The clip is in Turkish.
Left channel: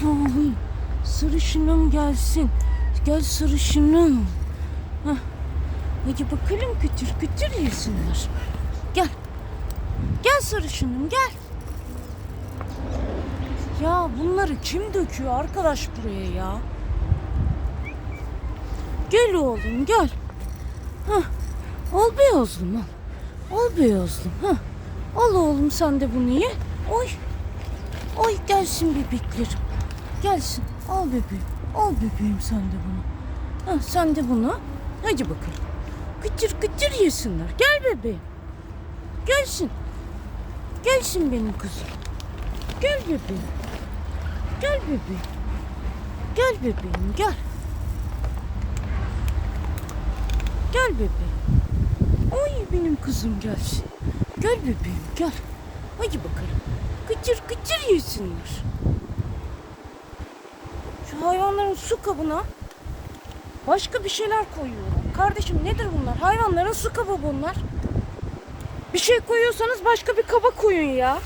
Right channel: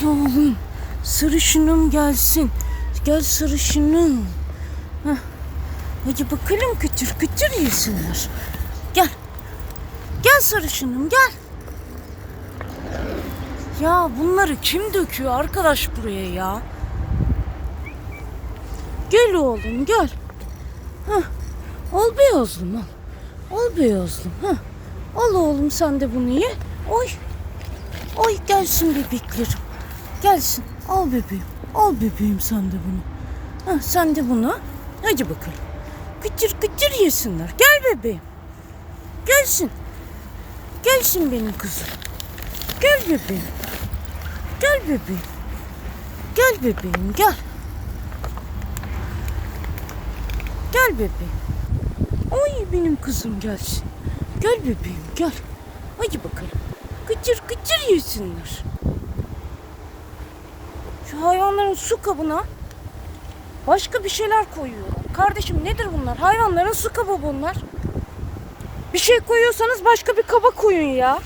Gel oğlum. Sarışınım gelsin. Gel sarışınım. Hah. Hadi bakalım kıtır kıtır yesinler. Gel. Gel sarışınım gel. Ya bunları kim döküyor arkadaş buraya ya? Gel oğlum gel. Hah. Al beyazlım al. Al beyazlım. Hah. Al oğlum sen de bunu ye. Oy. Oy gelsin bebeklerim. Gelsin. Al bebeğim. Al bebeğim sen de bunu. Hah, sen de bunu. Hadi bakalım. Kıtır kıtır yesinler. Gel bebeğim. Gelsin. Gelsin benim kızım. Gel bebeğim. Gel bebeğim. Gel bebeğim gel. Gel bebeğim. Oy benim kızım gelsin. Gel bebeğim gel. Hadi bakalım. Kıtır kıtır yesinler. Hayvanların su kabına başka bir şeyler koyuyor. Kardeşim nedir bunlar? Hayvanların su kabı bunlar. Bir şey koyuyorsanız başka bir kaba koyun ya.